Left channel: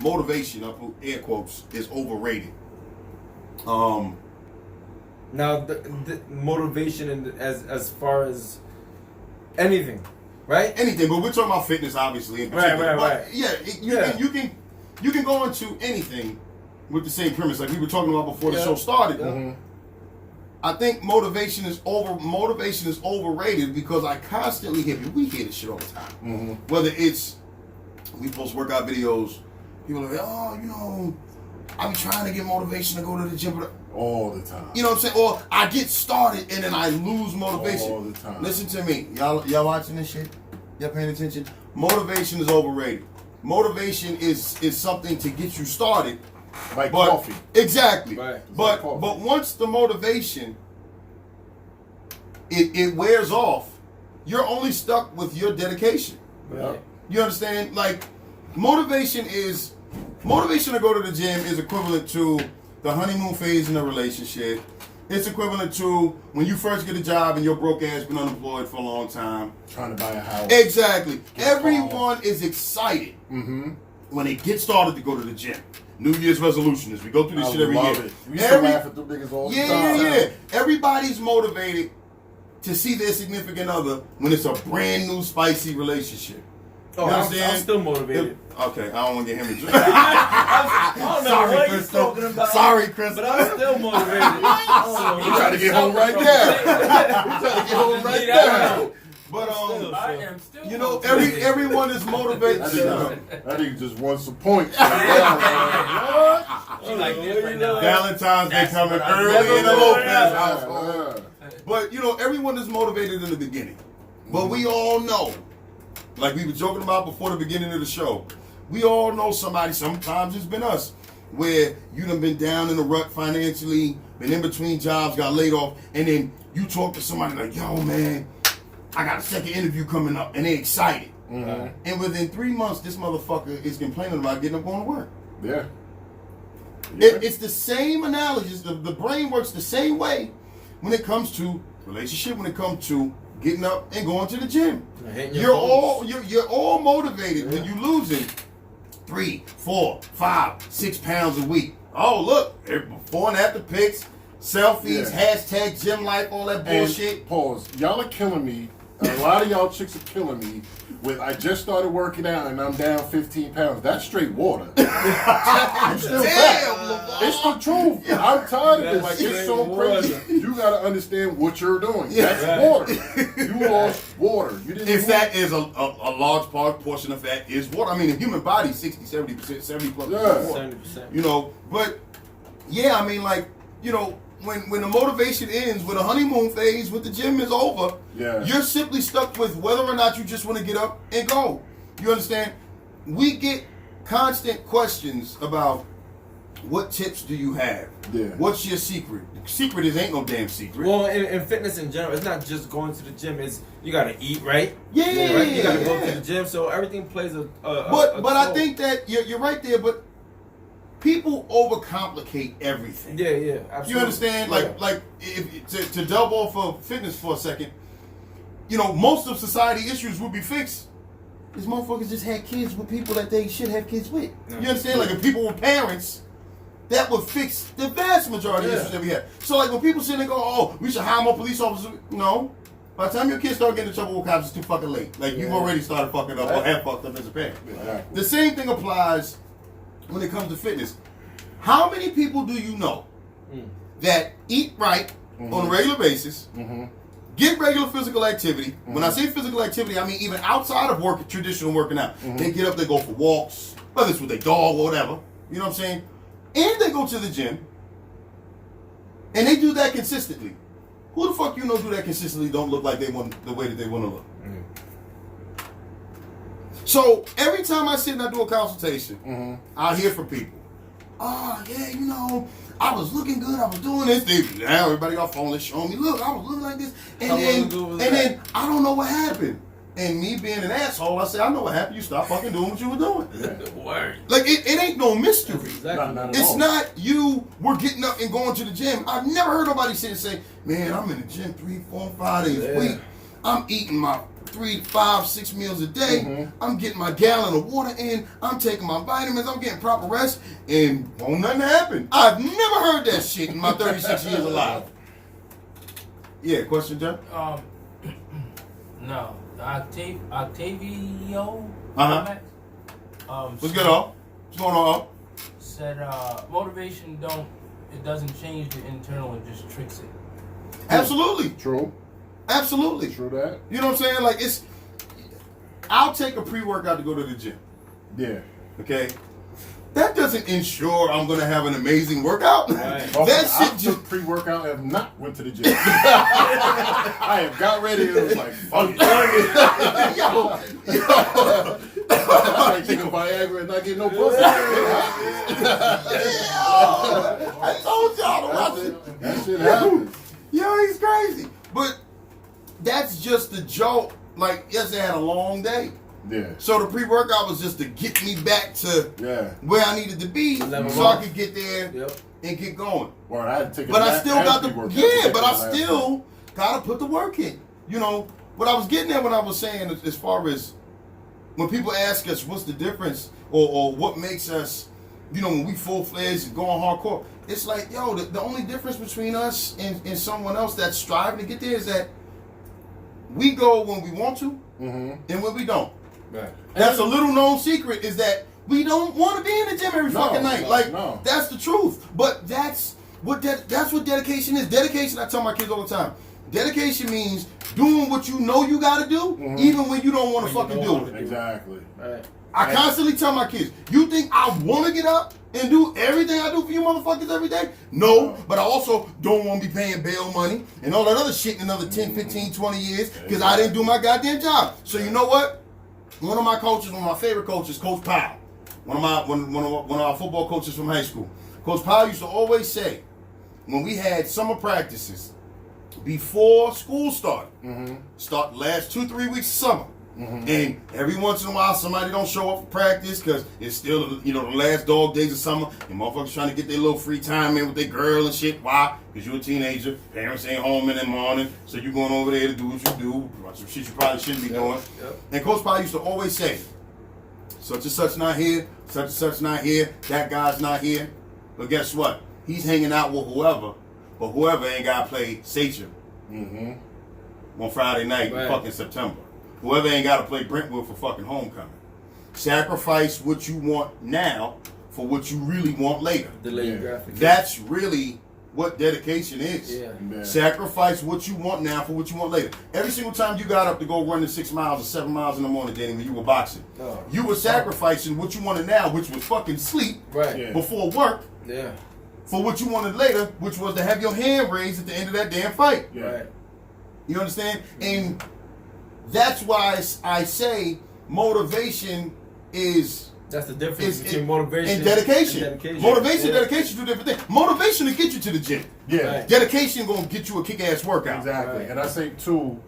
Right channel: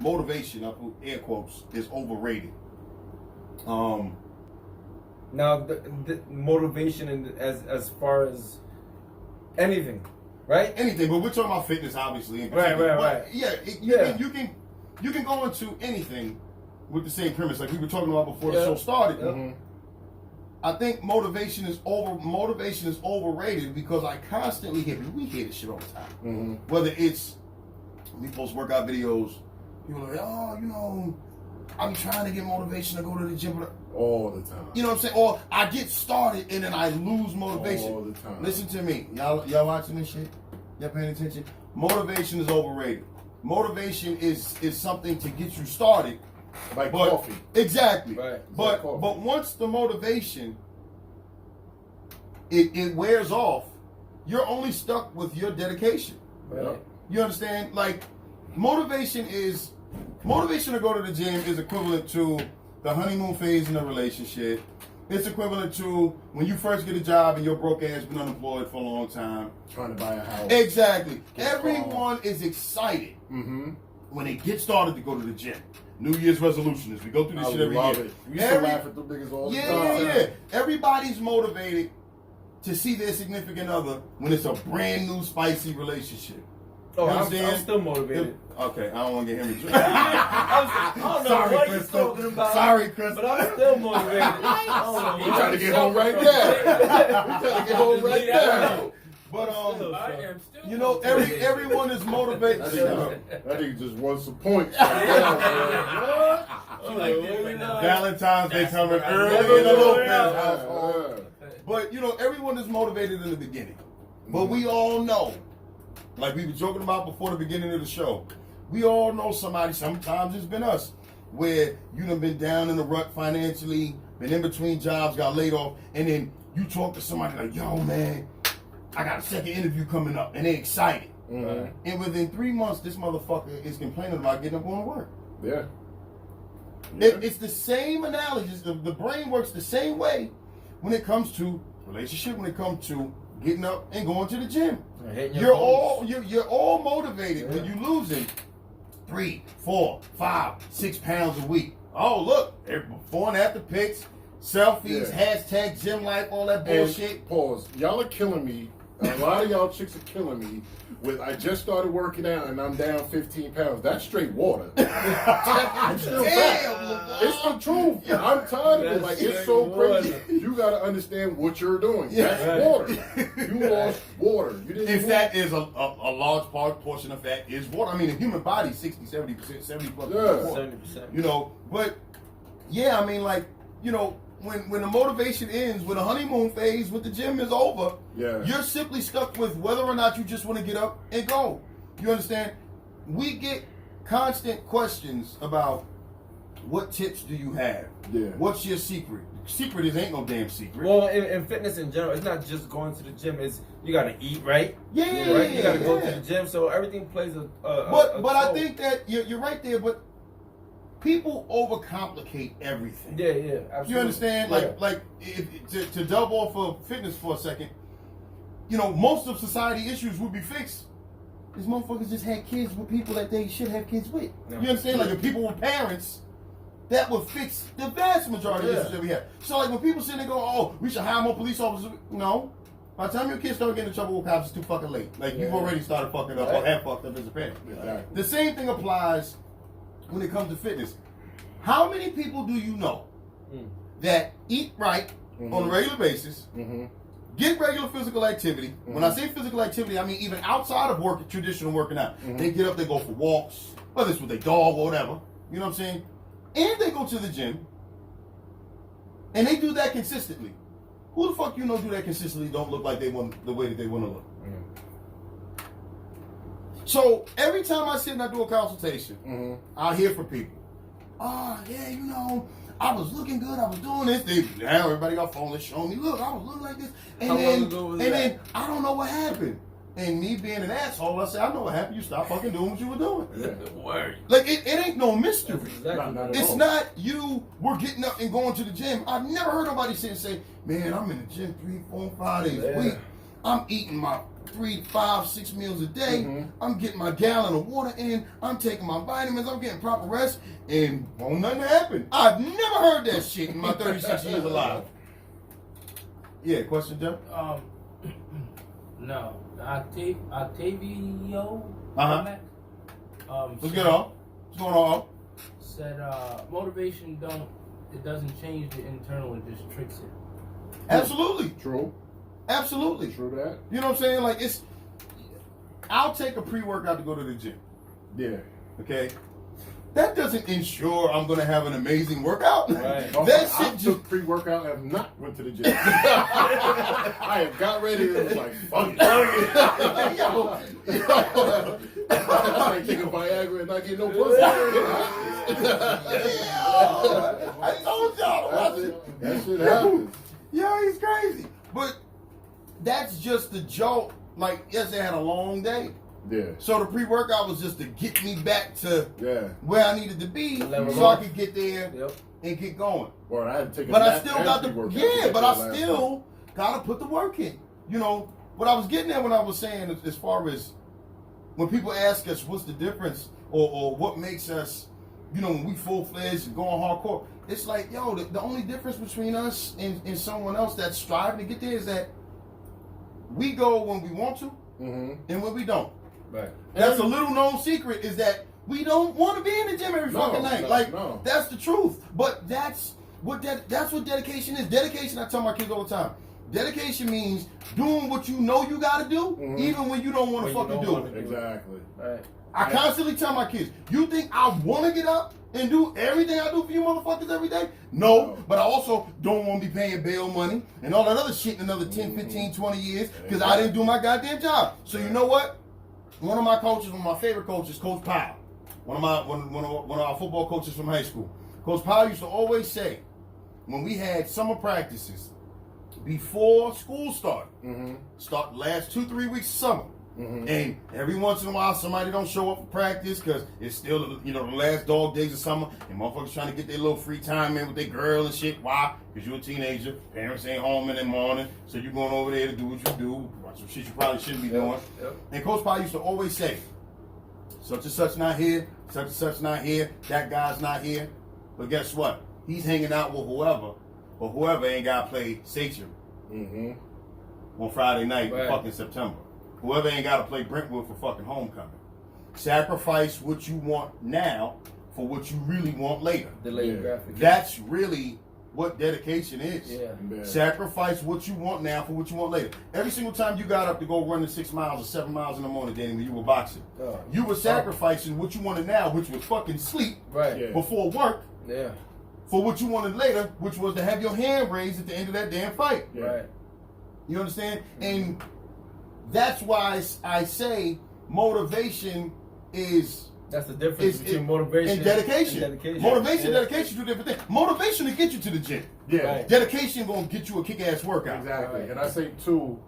motivation, I put air quotes, is overrated. Now, the motivation as far as anything, right? Anything, but we're talking about fitness, obviously. Right. Yeah, you can go into anything with the same premise, like we were talking about before the show started. Mm-hmm. I think motivation is overrated because I constantly hear people. We hear this shit all the time. Mm-hmm. Whether it's we post workout videos, people are like, oh, you know, I be trying to get motivation to go to the gym, but all the time. you know what I'm saying? Or I get started and then I lose motivation. All the time. Listen to me. Y'all watching this shit? Y'all paying attention? Motivation is overrated. Motivation is something to get you started. Like coffee. Exactly. Right. But once the motivation it wears off, you're only stuck with your dedication. Right. You understand? Like motivation to go to the gym is equivalent to the honeymoon phase in a relationship. It's equivalent to when you first get a job and your broke ass been unemployed for a long time. Trying to buy a house. Exactly. Everyone is excited when they get started to go to the gym. New Year's resolution is we go through this shit every year. We used to laugh at the niggas all the time. Yeah. Everybody's motivated to see their significant other when it's a brand new spicy relationship. Oh, You I'm understand? still motivated. Okay, I don't want to get him in I don't know Sorry, what he's Crystal. talking about. Sorry, Crystal. But I'm still motivated. You trying to get home right now. You trying to get home right now. But I am still. you know, everyone is motivated. That nigga just wants some points. What? She like this right now. Valentine's Day coming early in the Lopez household. But you know, everyone is motivated in the beginning. But we all know, like we were joking about before the beginning of the show, we all know somebody, sometimes it's been us, where you done been down in the rut financially, been in between jobs, got laid off, and then you talk to somebody like, yo man, I got a second interview coming up, and they excited. Mm-hmm. And within 3 months, this motherfucker is complaining about getting up going to work. Yeah. It's the same analogy. The brain works the same way when it comes to relationship, when it comes to getting up and going to the gym. You're all motivated when you losing 3, 4, 5, 6 pounds a week. Oh look, before and after pics, selfies, hashtag gym life, all that bullshit. And pause. Y'all are killing me. A lot of y'all chicks are killing me with I just started working out and I'm down 15 pounds. That's straight water. It's still fact. It's the truth. I'm tired of it. Like, it's so crazy. You gotta understand what you're doing. That's water. You lost water. You didn't If that is a large portion of that is water. I mean, the human body, 60, 70%, 70 plus water. 70%. You know, but yeah, I mean, like, you know, when the motivation ends, when the honeymoon phase with the gym is over, you're simply stuck with whether or not you just want to get up and go. You understand? We get constant questions about what tips do you have? Yeah. What's your secret? The secret is ain't no damn secret. Well, in fitness in general, it's not just going to the gym. It's you got to eat, right? Yeah, right? You got to go to the gym. So everything plays a But I think that you're right there, but people overcomplicate everything. Yeah, absolutely. You understand? Yeah. Like if, to delve off of fitness for a second, you know, most of society issues would be fixed. These motherfuckers just had kids with people that they should have kids with. You understand? Like if people were parents, that would fix the vast majority of issues that we have. So like when people sit there and go, oh, we should hire more police officers. No. By the time your kids start getting in trouble with cops, it's too fucking late. Like you've already started fucking up or have fucked up as a parent. The same thing applies when it comes to fitness. How many people do you know that eat right on a regular basis, get regular physical activity? When I say physical activity, I mean even outside of work, traditional working out. They get up, they go for walks, whether it's with their dog or whatever. You know what I'm saying? And they go to the gym, and they do that consistently. Who the fuck you know do that consistently don't look like they want the way that they want to look? So every time I sit and I do a consultation, I hear from people. Oh yeah, you know, I was looking good. I was doing this. Now everybody got phone and showing me. Look, I was looking like this, and then I don't know what happened. And me being an asshole, I say, I know what happened. You stopped fucking doing what you were doing. Like it ain't no mystery. It's not you were getting up and going to the gym. I've never heard nobody sit and say, man, I'm in the gym 3, 4, 5 days a week. I'm eating my 3, 5, 6 meals a day. I'm getting my gallon of water in. I'm taking my vitamins. I'm getting proper rest, and won't nothing happen. I've never heard that shit in my 36 years alive. Yeah, question, Jeff? No, Octavio. What's good, all? What's going on? Said motivation doesn't change the internal, it just tricks it. Absolutely. True. Absolutely. True that. You know what I'm saying? Like, I'll take a pre-workout to go to the gym. Yeah. Okay? That doesn't ensure I'm going to have an amazing workout. Right. That I shit took just... pre-workout and have not went to the gym. I have got ready and it was like, fuck it. I like taking Viagra and not getting no pussy. I told y'all to watch it. That shit happens. Yo, he's crazy. But that's just the joke. Like, yesterday I had a long day. Yeah. So the pre-workout was just to get me back to where I needed to be so I could get there and get going. Or I had to take a But I nap still and got the pre-workout. but I still gotta put the work in. You know, what I was getting at when I was saying as far as when people ask us what's the difference or what makes us, you know, when we full-fledged and going hardcore, it's like, yo, the only difference between us and someone else that's striving to get there is that we go when we want to and when we don't. Right. That's a little known secret is that we don't want to be in the gym every fucking night. That's the truth. But that's what dedication is. Dedication, I tell my kids all the time. Dedication means doing what you know you got to do, even when you don't want to fucking do it. Exactly. Right. I constantly tell my kids, you think I want to get up and do everything I do for you motherfuckers every day? No, but I also don't want to be paying bail money and all that other shit in another 10, 15, 20 years because I didn't do my goddamn job. So you know what? One of my coaches, one of my favorite coaches, Coach Powell, one of our football coaches from high school. Coach Powell used to always say, when we had summer practices before school started, start last 2-3 weeks of summer, and every once in a while somebody don't show up for practice because it's still, you know, the last dog days of summer, and motherfuckers trying to get their little free time in with their girl and shit. Why? Because you're a teenager, parents ain't home in the morning, so you going over there to do what you do, some shit you probably shouldn't be doing. And Coach Powell used to always say, such and such not here, such and such not here, that guy's not here. But guess what? He's hanging out with whoever, but whoever ain't got to play Sachem on Friday night in fucking September. Whoever ain't got to play Brentwood for fucking homecoming. Sacrifice what you want now for what you really want later. Delayed graphic. That's really what dedication is. Yeah. Sacrifice what you want now for what you want later. Every single time you got up to go running 6 miles or 7 miles in the morning, Danny, when you were boxing, you were sacrificing what you wanted now, which was fucking sleep before work, for what you wanted later, which was to have your hand raised at the end of that damn fight. Right. You understand? And that's why I say motivation is... That's the difference between motivation and dedication. Motivation and dedication do different things. Motivation will get you to the gym. Yeah. Dedication gonna get you a kick-ass workout. Exactly. And I say too,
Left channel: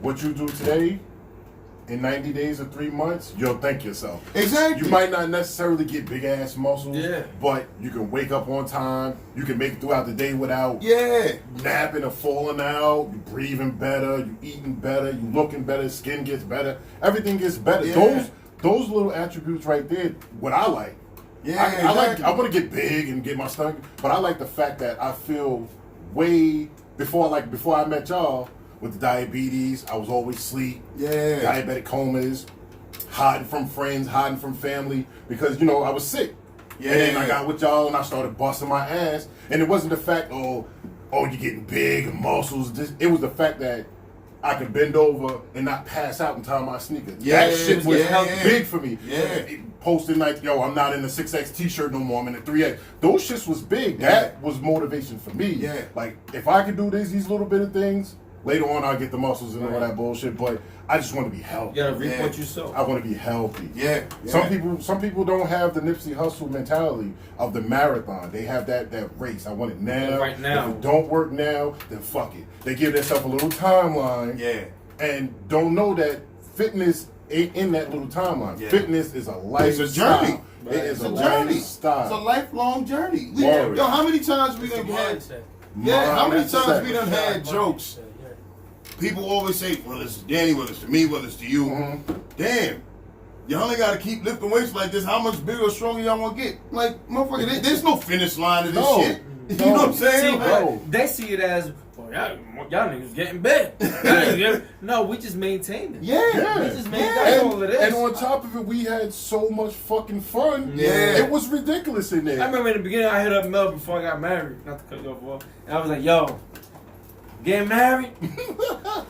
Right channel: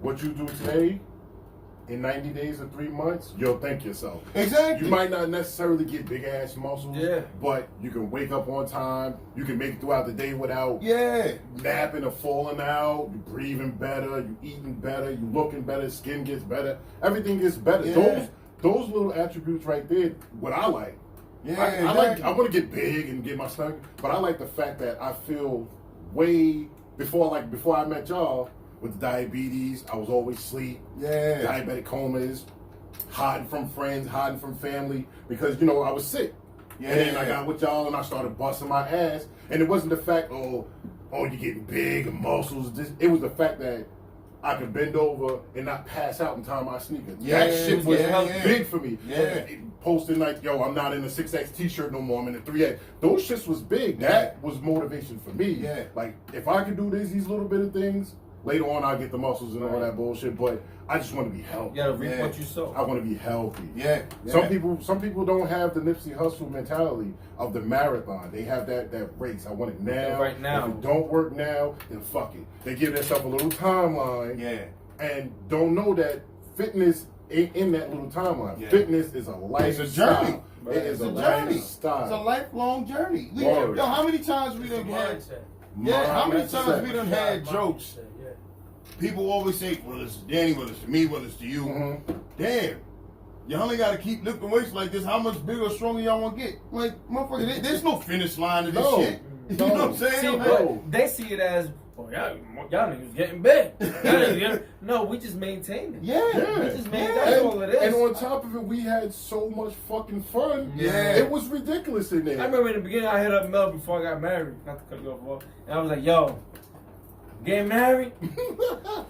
what you do today, in 90 days or 3 months, you'll thank yourself. Exactly. You might not necessarily get big ass muscles, Yeah. but you can wake up on time. You can make it throughout the day without Yeah. napping or falling out. You breathing better. You eating better. You looking better. Skin gets better. Everything gets better. Yeah. Those little attributes right there, what I like. Yeah, I want to get big and get my stomach, but I like the fact that I feel way before I met y'all. With diabetes, I was always asleep. Yeah. Diabetic comas, hiding from friends, hiding from family, because, you know, I was sick. Yeah. And then I got with y'all and I started busting my ass. And it wasn't the fact, oh, you're getting big and muscles. It was the fact that I could bend over and not pass out in time my sneakers. Yeah, that shit was big for me. Yeah. Posting like, yo, I'm not in the 6X t-shirt no more, I'm in the 3X. Those shits was big. That was motivation for me. Yeah. Like, if I could do these little bit of things, later on, I'll get the muscles and all that bullshit, but I just want to be healthy. You gotta reap what you sow. I want to be healthy. Yeah. Some people don't have the Nipsey Hussle mentality of the marathon. They have that race. I want it now. Right now. If it don't work now, then fuck it. They give themselves a little timeline. Yeah. And don't know that fitness ain't in that little timeline. Yeah. Fitness is a lifestyle. It's a journey. It is It's a journey. lifestyle. It's a lifelong journey. Word. How many times we done had? Mindset. Yeah, how many Mindset. times we done had jokes? people always say, well, it's to Danny, whether it's to me, whether it's to you. Mm-hmm. Damn. Y'all ain't got to keep lifting weights like this. How much bigger or stronger y'all want to get? Like, motherfucker, there's no finish line to this shit. You know what I'm saying? See, Like, they see it as, well, y'all niggas getting big. No, we just maintain it. yeah. We just maintain that's all it is. And on top of it, we had so much fucking fun. Yeah. It was ridiculous in there. I remember in the beginning, I hit up Mel before I got married. Not to cut you off, and I was like, yo, getting married?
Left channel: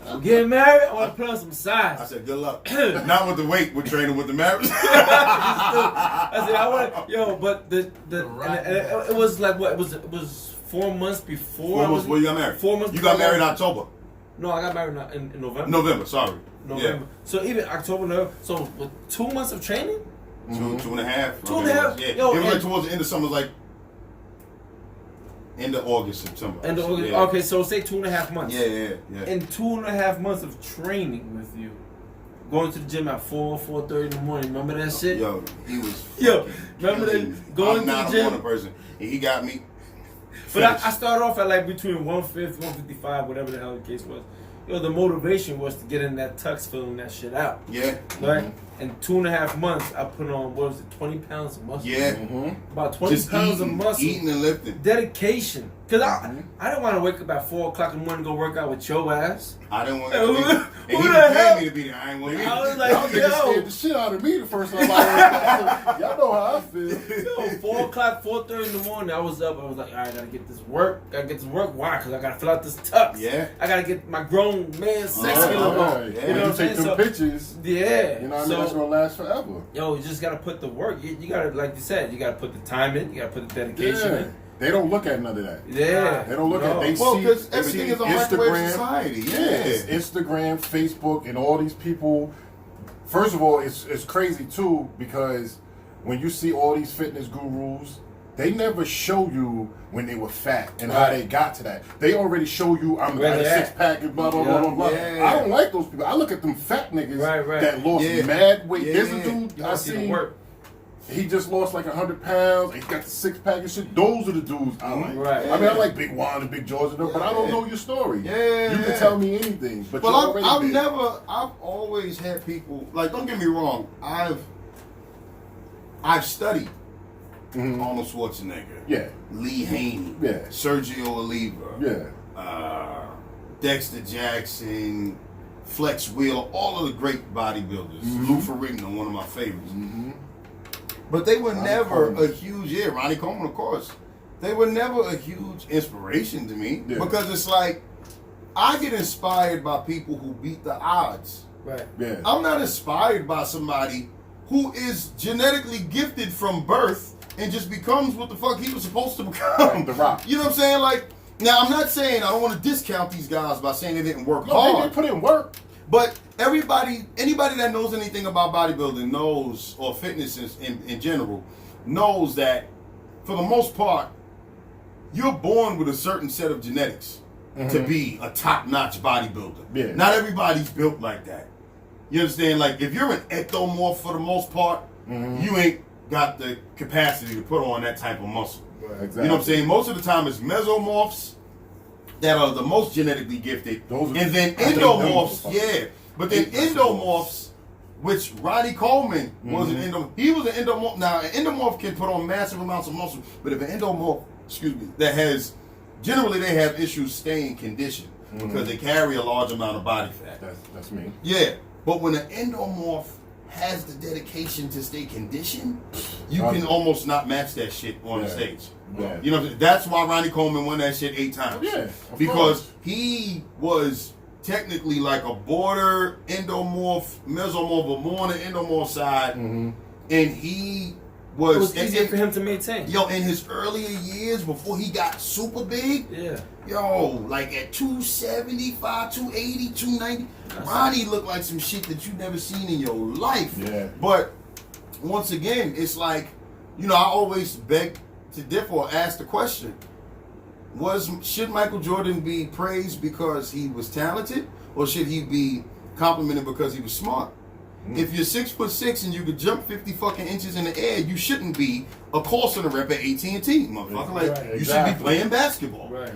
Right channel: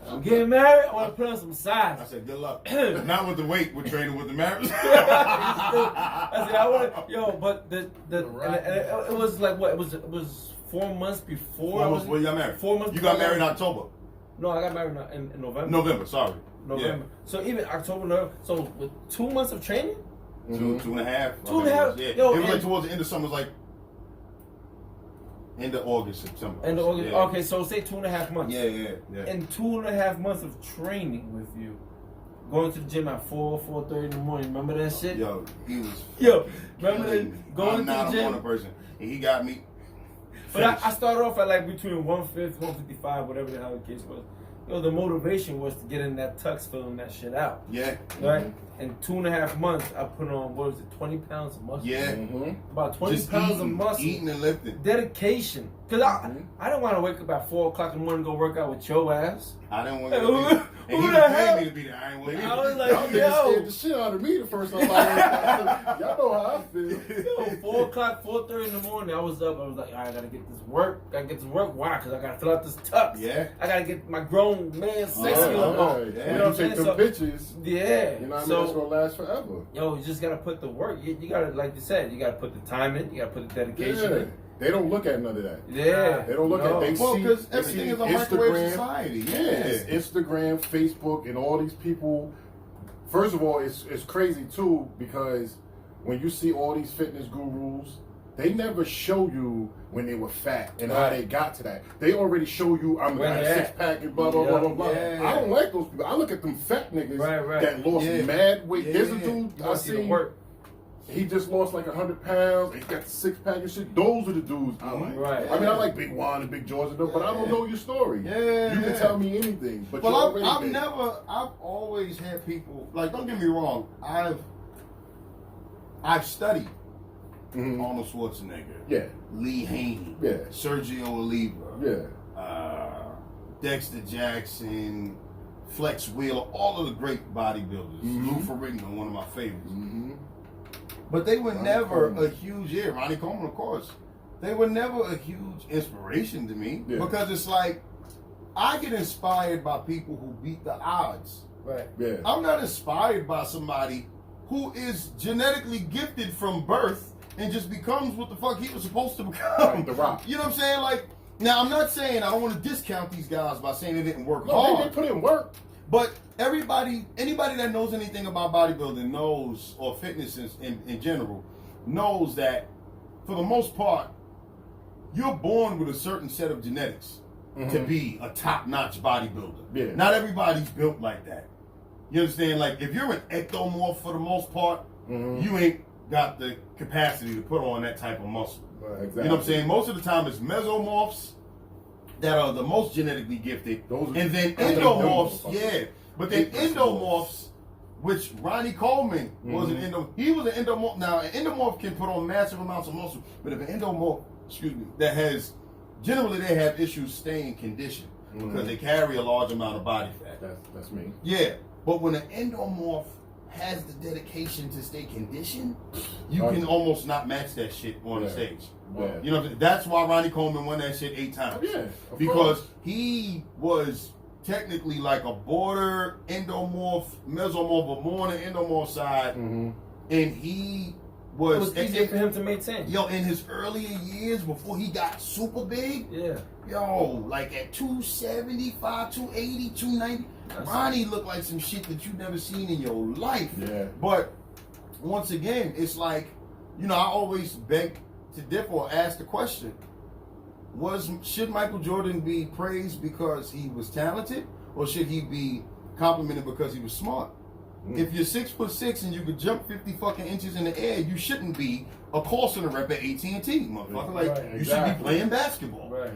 I'm getting married? I want to put on some size. I said, good luck. Not with the weight, we're training with the marriage. I said, I want to, yo, but it was like what? It was 4 months before. 4 months before you got married. 4 months. You got married in October. No, I got married in November. November, sorry. November. So even October, November. So with 2 months of training. Two and a half. 2.5. Yeah. Yo, it was and- like towards the end of summer, like end of August, September. End of August. Yeah. Okay, so say 2.5 months. Yeah. In 2.5 months of training with you, going to the gym at 4:30 in the morning. Remember that shit? Yo, he was. Yo, remember clean. that going I'm to the not a gym? morning person, and he got me. But I started off at like between 150, 155, whatever the hell the case was. Yo, the motivation was to get in that tux, filling that shit out. Yeah. Right? In 2.5 months, I put on, what was it, 20 pounds of muscle? Yeah. About 20 Just pounds eating, of muscle. eating and lifting. Dedication. Because I didn't want to wake up at 4 o'clock in the morning and go work out with your ass. I didn't want Hey, to be there. who And he the was hell? paying me to be there. I ain't want to be I there. was like, Y'all niggas yo. scared the shit out of me the first time. Y'all know how I feel. Yo, 4 o'clock, 4:30 in the morning, I was up. I was like, all right, I gotta get this work. Why? Because I gotta fill out this tux. Yeah. I gotta get my grown man sex Oh, feeling Right. on. Yeah. You know When what I'm you saying? take them So, pictures, yeah. you know what I mean? It's So, gonna last forever. yo, you just gotta put the work. You gotta, like you said, you gotta put the time in. You gotta put the dedication Yeah. in. They don't look at none of that. Yeah. They don't look No. at. They Well, see. because They everything see is a microwave Instagram. society. Yes, Yeah. Instagram, Facebook, and all these people. First of all, it's crazy too because when you see all these fitness gurus, they never show you when they were fat and how Right. they got to that. They already show you I'm Where got a they at. 6-pack and blah blah blah blah blah. Yeah. I don't like those people. I look at them fat niggas Right. that lost Yeah. mad weight. Yeah. There's a dude You I gotta see the seen. work. He just lost like 100 pounds. He got the 6-pack and shit. Those are the dudes I like. Right. I mean, I like Big Juan and Big George, and them, but I don't know your story. Yeah. You can tell me anything, but Well, you're already I've big. always had people, like, don't get me wrong, I've studied Mhm. Arnold Schwarzenegger, Yeah. Lee Haney, Yeah. Sergio Oliva, Yeah. Dexter Jackson, Flex Wheeler, all of the great bodybuilders. Mhm. Lou Ferrigno, one of my favorites. Mm-hmm. But they were Ronnie never Coleman. a huge, Ronnie Coleman, of course. They were never a huge inspiration to me Yeah. because it's like, I get inspired by people who beat the odds. Right. Yeah. I'm not inspired by somebody who is genetically gifted from birth and just becomes what the fuck he was supposed to become. The Rock. You know what I'm saying? Like, now I'm not saying I don't want to discount these guys by saying they didn't work No, they hard. didn't put in work. But anybody that knows anything about bodybuilding knows, or fitness in general, knows that for the most part, you're born with a certain set of genetics to be a top-notch bodybuilder. Yeah. Not everybody's built like that. You understand? Like, if you're an ectomorph for the most part, you ain't got the capacity to put on that type of muscle. Exactly. You know what I'm saying? Most of the time, it's mesomorphs that are the most genetically gifted, Those are- and then I think endomorphs, those are- yeah. But then endomorphs, which Ronnie Coleman was an endomorph. He was an endomorph. Now, an endomorph can put on massive amounts of muscle, but if an endomorph, that has, generally they have issues staying conditioned because they carry a large amount of body fat. That's me. Yeah, but when an endomorph has the dedication to stay conditioned, you can almost not match that shit on the Yeah. stage. Yeah. You know, that's why Ronnie Coleman won that shit 8 times. Yeah, of because course. he was technically like a border endomorph, mesomorph, but more on the endomorph side, and he was. It was easier for him to maintain. Yo, in his earlier years before he got super big, Yeah. yo, like at 275, 280, 290, Ronnie looked like some shit that you've never seen in your life. Yeah. But once again, it's like, you know, I always beg to differ or ask the question, should Michael Jordan be praised because he was talented, or should he be complimented because he was smart? If you're 6'6" and you could jump 50 fucking inches in the air, you shouldn't be a call center rep at AT&T, motherfucker. Like, Right, you should exactly. be playing basketball. Right.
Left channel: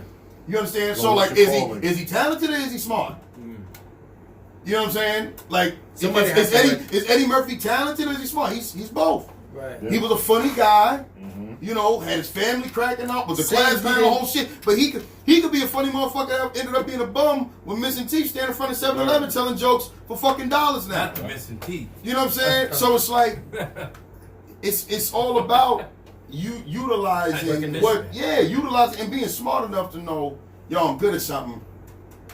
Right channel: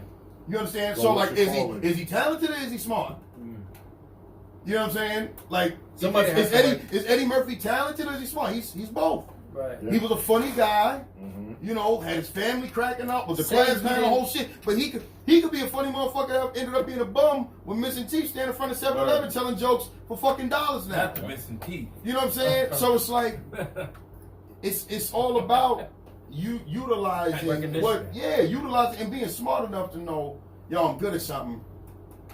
You understand? Go So with like, your calling. is he talented or is he smart? You know what I'm saying? Like, Somebody has to, is Eddie Murphy talented or is he smart? He's both. Right. Yeah. He was a funny guy. Mhm. You know, had his family cracking up, was a Same class man, the thing. whole shit. But he could be a funny motherfucker that ended up being a bum with missing teeth, standing in front of 7-Eleven telling jokes for fucking dollars now. Not the missing teeth. You know what I'm saying? So it's like, it's all about you utilizing utilizing and being smart enough to know, yo, I'm good at something.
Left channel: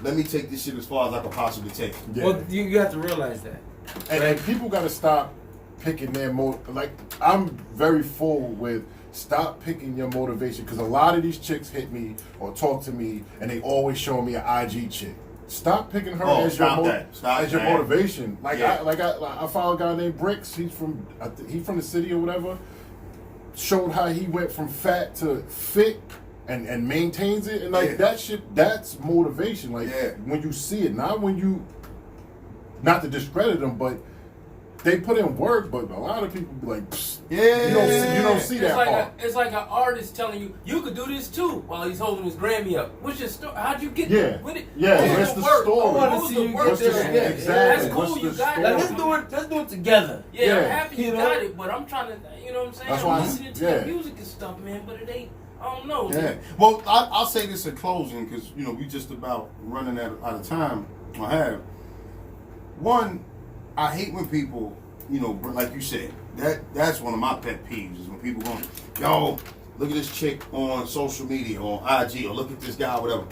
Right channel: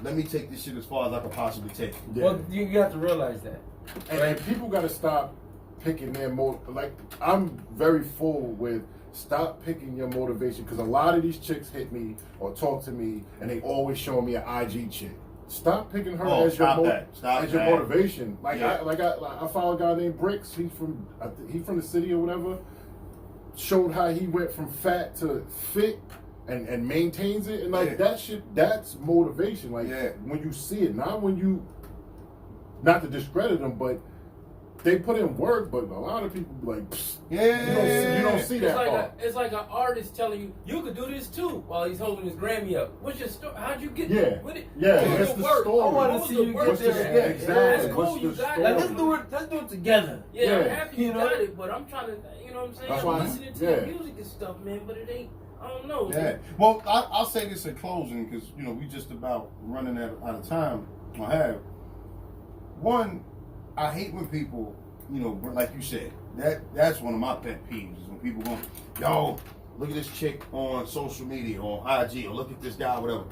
Let me take this shit as far as I can possibly take it. Yeah. Well, you have to realize that. And people got to stop picking their like, I'm very full with stop picking your motivation, because a lot of these chicks hit me or talk to me and they always show me an IG chick. Stop picking her as your motivation. Like, Yeah. I follow a guy named Bricks. He's from the city or whatever. Showed how he went from fat to fit and maintains it, and like that shit. That's motivation. Like when you see it, not when you. Not to discredit them, but they put in work. But a lot of people be like, Psst, you don't see that part. It's like an artist telling you could do this too while he's holding his Grammy up. What's your story? How'd you get with it? Yeah, what what's was the work? story? What wanna was see the you work get there. there? Yeah, exactly. That's cool. What's You the got story? it. Let's do it together. Yeah, I'm Yeah. happy you got it, but I'm trying to, you know what I'm saying? That's I'm why listening to your music and stuff, man, but it ain't, I don't know. Yeah. Well, I'll say this in closing, because we just about running out of time. I have one. I hate when people, like you said, that's one of my pet peeves is when people go, yo, look at this chick on social media, on IG, or look at this guy, whatever.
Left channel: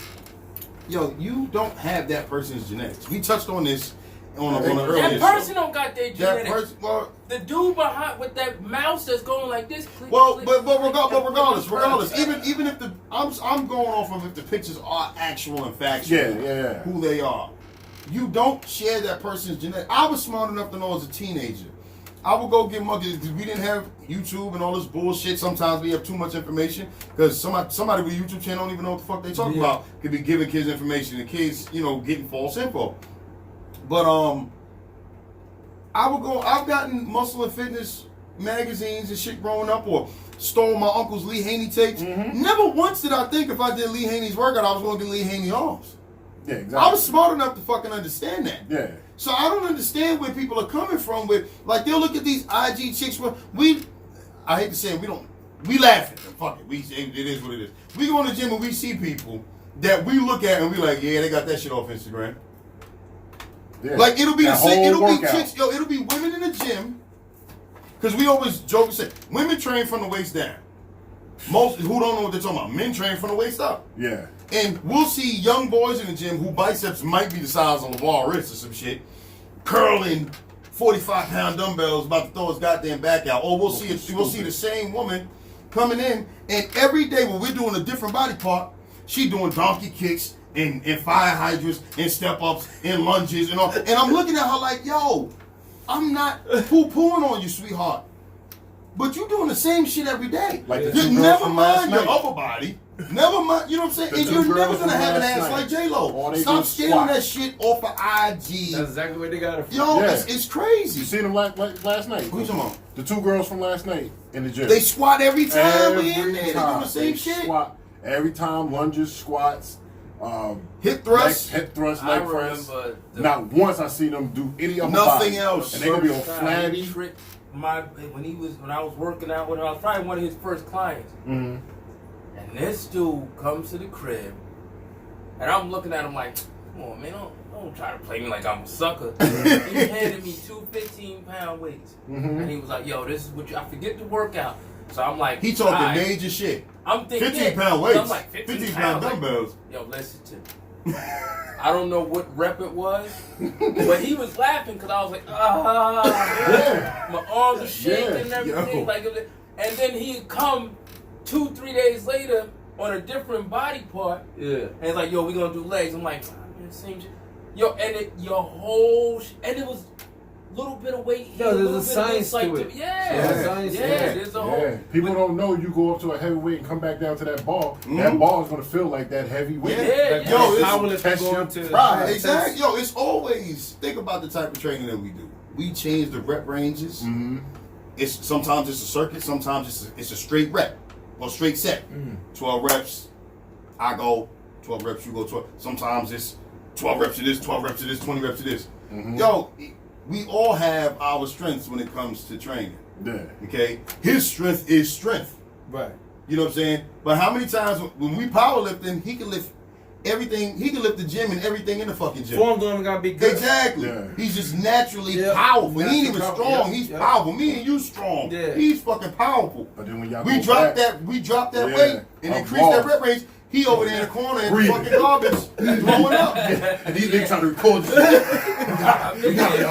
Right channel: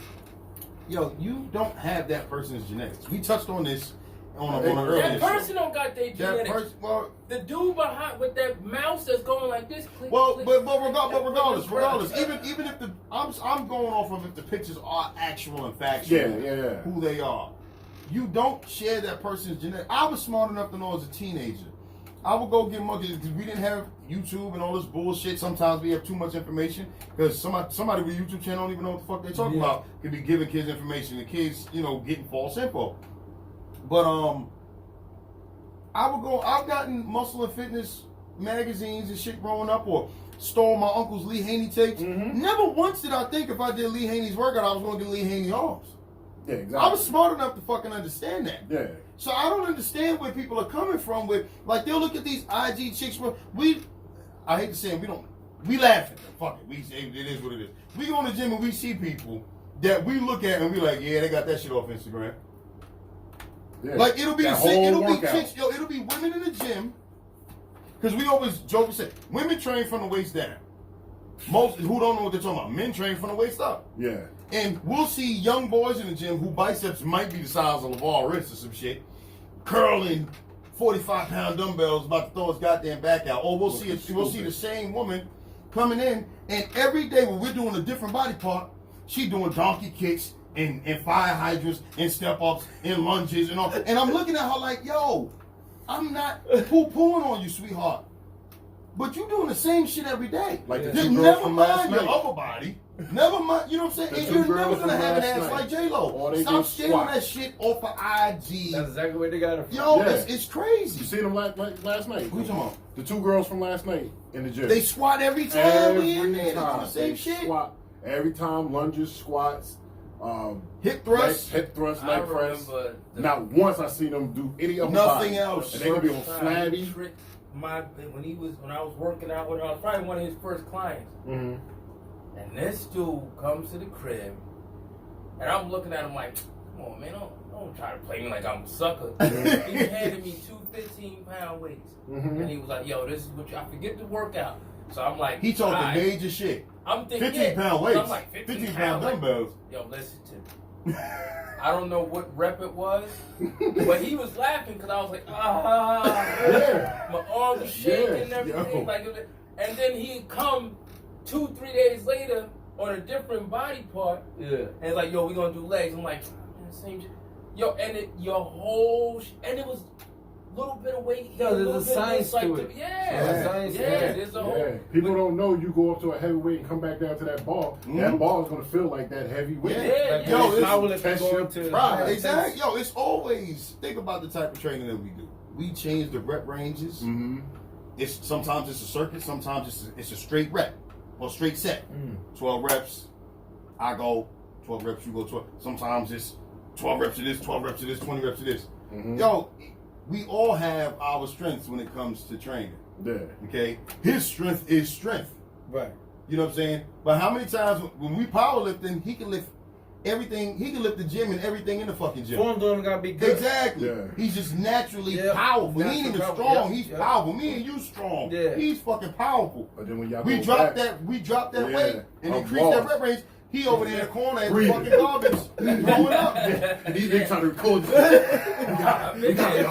Yo, you don't have that person's genetics. We touched on this on the earlier That person show. don't got their That genetics. person, well, The dude behind with that mouse that's going like this. Click, Well, click, but click, regardless, even if I'm going off of if the pictures are actual and factual, who they are. You don't share that person's genetic. I was smart enough to know as a teenager, I would go get monkeys because we didn't have YouTube and all this bullshit. Sometimes we have too much information because somebody with a YouTube channel don't even know what the fuck they talking about. Could be giving kids information, and kids, getting false info. But I've gotten muscle and fitness magazines and shit growing up, or stole my uncle's Lee Haney tapes. Never once did I think if I did Lee Haney's workout, I was going to get Lee Haney arms. Yeah, exactly. I was smart enough to fucking understand that. Yeah. So I don't understand where people are coming from with, like, they'll look at these IG chicks. I hate to say it, we laugh at them. Fuck it. It is what it is. We go in the gym and we see people that we look at and we like, yeah, they got that shit off Instagram. Yeah. Like, it'll be workout. chicks, it'll be women in the gym. Because we always joke and say, women train from the waist down. Most who don't know what they're talking about, men train from the waist up. Yeah. And we'll see young boys in the gym who biceps might be the size of LeVar wrist or some shit, curling 45-pound dumbbells about to throw his goddamn back out. Or we'll see the same woman coming in, and every day when we're doing a different body part, she doing donkey kicks and fire hydrants and step ups and lunges and all. And I'm looking at her like, yo, I'm not poo-pooing on you, sweetheart. But you doing the same shit every day. Like the you two girls never from mind last your night. upper body. Never mind, you know what I'm saying? The And two you're girls never gonna from have an last ass night. like J-Lo. Or they Stop do stealing squat. that shit off of IG. That's exactly what they got it from. Yo, Yeah. it's crazy. You seen them last night? Who you talking about? The two girls from last night in the gym. They squat every time we in there. They do the same They shit. Squat every time, lunges, squats, Hip thrust. hip thrust, I leg press. remember Not once I seen them do any other Nothing body. else. And they gonna be all He flabby. tricked when I was working out with him. I was probably one of his first clients. Mm-hmm. And this dude comes to the crib, and I'm looking at him like, come on, man, don't try to play me like I'm a sucker. He handed me two 15-pound weights. Mm-hmm. And he was like, yo, this is what I forget to work out. So I'm like, He talking alright. major shit. I'm thinking 15-pound So weights. I'm like, 15-pound pounds. dumbbells. Yo, listen to me. I don't know what rep it was, but he was laughing because I was like, Yeah. my arms were shaking and Yeah, everything. yo. Like, and then he'd come 2-3 days later on a different body part, Yeah. and it's like, yo, we gonna do legs. I'm like, man, same shit. Yo, and it was a little bit of weight here, Yo, a there's little a bit science of to this, it. like, Yeah, yeah, science, yeah, yeah. there's a whole. Yeah. People don't know you go up to a heavyweight and come back down to that bar. That bar is gonna feel like that heavy weight. Yeah. Yo, it's powerlifting test your going to pride. Exactly. Yo, it's always, think about the type of training that we do. We change the rep ranges. Mm-hmm. Sometimes it's a circuit, sometimes it's a straight rep or straight set. 12 reps, I go 12 reps, you go 12. Sometimes it's 12 reps of this, 12 reps of this, 20 reps of this. Mm-hmm. Yo, we all have our strengths when it comes to training. Yeah. Okay? His strength is strength. Right. You know what I'm saying? But how many times when we powerlifting, he can lift everything, he can lift the gym and everything in the fucking gym. Form don't even gotta be good. Exactly. Yeah. He's just naturally Yeah. powerful. He ain't even Natural strong. power. He's Yeah. powerful. Me and you strong. Yeah. He's fucking powerful. But then when y'all We go dropped back, that Yeah. weight and I'm increased that lost. rep range. He over there in the corner and Breathing. fucking garbage blowing up. and he's been trying to record this. I've been there.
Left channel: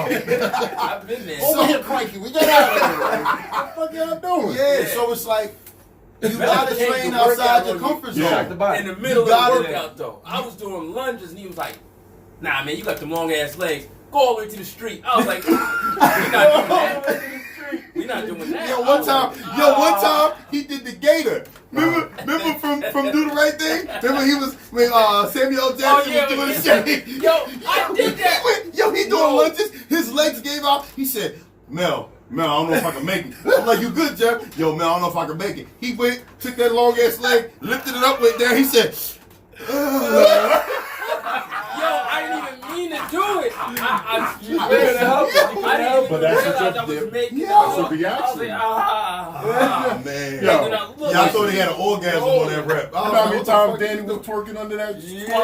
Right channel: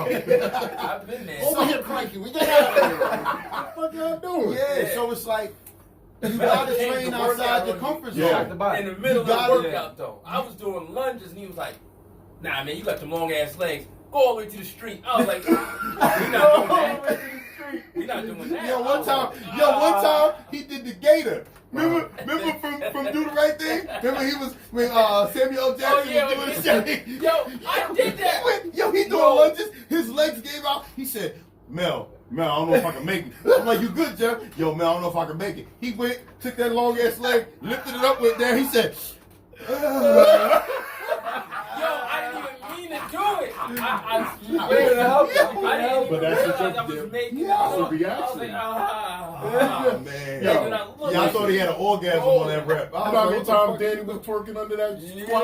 I've been there. Over here, crikey. We got out of here. What the fuck y'all doing? Yeah, so it's like you gotta train outside your comfort zone. Yeah. The body. In the middle of gotta- the workout, though, I was doing lunges, and he was like, "Nah, man, you got them long ass legs. Go all the way to the street." I was like, "We're not doing that. We're not doing that." Yo, one time he did the gator. Remember from Do the Right Thing? Remember he was when Samuel L. Jackson yeah, was doing yeah. shit. Yo, I did that. He doing lunges. His legs gave out. He said, Mel, I don't know if I can make it. I'm like, you good, Jeff? Yo, Mel, I don't know if I can make it. He went, took that long ass leg, lifted it up, went there. He said, Yo, I didn't even mean to do it. You couldn't help it. You I couldn't didn't help even But that's realize what I was you- making it. that's what I the was action. like, oh, man. Yo. And then I looked Yeah, I like- thought he had an orgasm on that rep. I was How like, many what the times fuck Danny you was doing? twerking under that Yeah. squat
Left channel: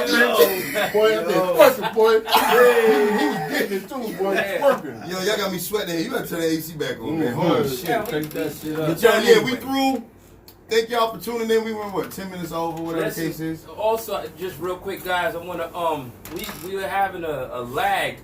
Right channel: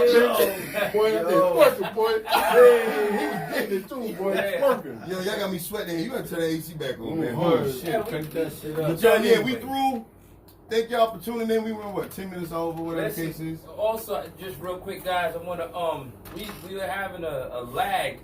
bench? Boy, that Yo. twerking, boy. Yeah, he was getting it too, boy. Yeah. Twerking. Yo, y'all got me sweating here. You gotta turn that AC back on, man. Mhm. Holy Shit, shit. crank that shit up. But yo, yeah, we through. Thank y'all for tuning in. We were, 10 minutes over, whatever the case is. Also, just real quick, guys, I want to we were having a lag,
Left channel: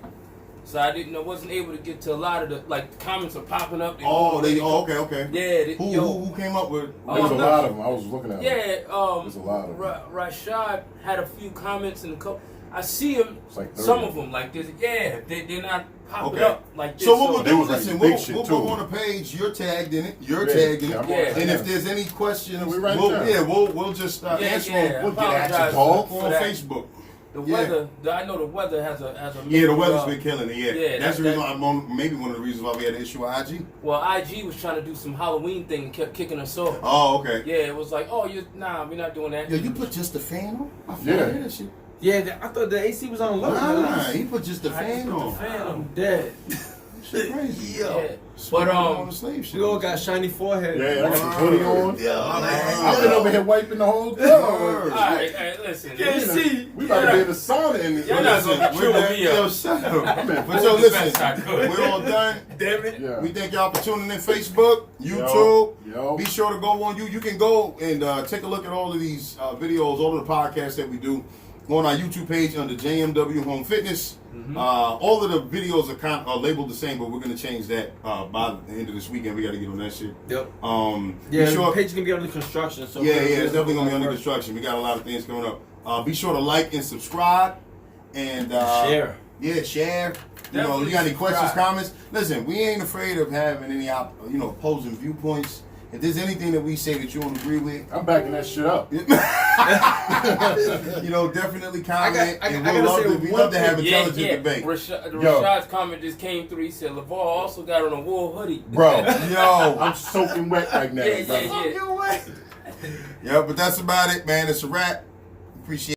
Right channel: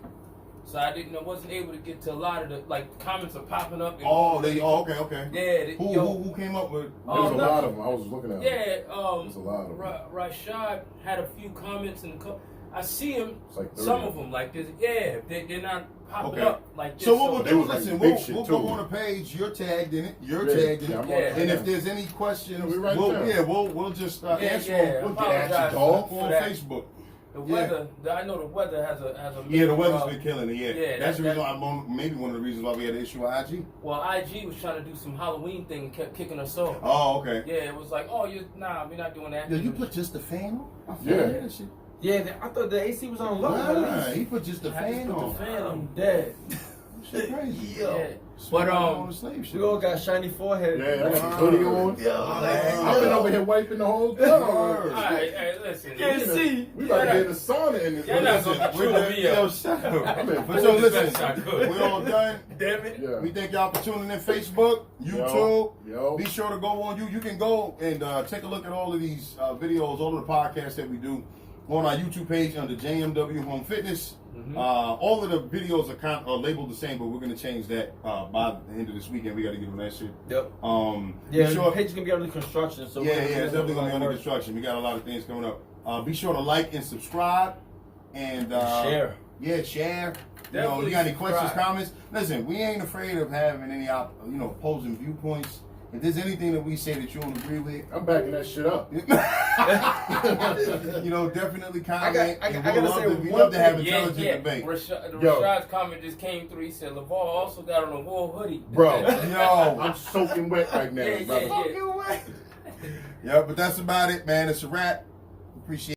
so I wasn't able to get to a lot of the comments are popping up. Okay. Yeah. Who came up with? There was a lot of them. I was looking at them. Yeah. There's a lot of them. Rashad had a few comments and I see him. It's like 30. Some of them like this. Yeah, they're not popping Okay. up like this. So what we'll They do, was like listen, big we'll shit, go too. on the page. You're tagged in it. You're Yeah, tagged in yeah, it. I'm Yeah. on And it. if there's any questions, Yeah, we write it down. we'll just Yeah, answer yeah. them. We'll get at Apologize you, dog. for on that. Facebook. The Yeah. weather, I know the weather has a Yeah, the weather's been killing it. Yeah, Yeah, that's the that- reason why maybe one of the reasons why we had an issue with IG. Well, IG was trying to do some Halloween thing and kept kicking us off. Oh, okay. Yeah, it was like, oh, we're not doing that. Yeah, you put just the fan on. I Yeah. forgot that shit. Yeah, I thought the AC was on low. Nah, he put just the I just fan put the on. fan on. I'm dead. Shit crazy. Yeah. But But on the slave shit. We all got shiny forehead. Yeah, I got the hoodie on. Yeah, I've been over here wiping the whole time. All right, listen. Can't see. We about to be in the sauna in this. Y'all not Listen, gonna We're chew done. me Yo, up. shut up. I'm in But full yo, the best I listen, could. we're all done. Damn it. Yeah. We thank y'all for tuning in. Facebook, YouTube. Yo. Be sure to go on you can go and take a look at all of these videos, all of the podcasts that we do on our YouTube page under JMW Home Fitness. All of the videos are labeled the same, but we're gonna change that by the end of this weekend. We got to get on that shit. Yep. Be Yeah, sure, the page is gonna be under construction. So yeah, it's definitely gonna be under construction. We got a lot of things coming up. Be sure to like and subscribe, and Share. Yeah, share. You know, Definitely you got any questions, subscribe. comments? Listen, we ain't afraid of having any opposing viewpoints. If there's anything that we say that you don't agree with, I'm backing that shit up. definitely comment. I and gotta say we one love to have thing. intelligent debate. Rashad's comment just came through. He said, LeVar also got on a wool hoodie. Bro, Yo, I'm soaking wet right now. Yeah, brother. yeah, yeah. yeah, but that's about it, man. It's a wrap. Appreciate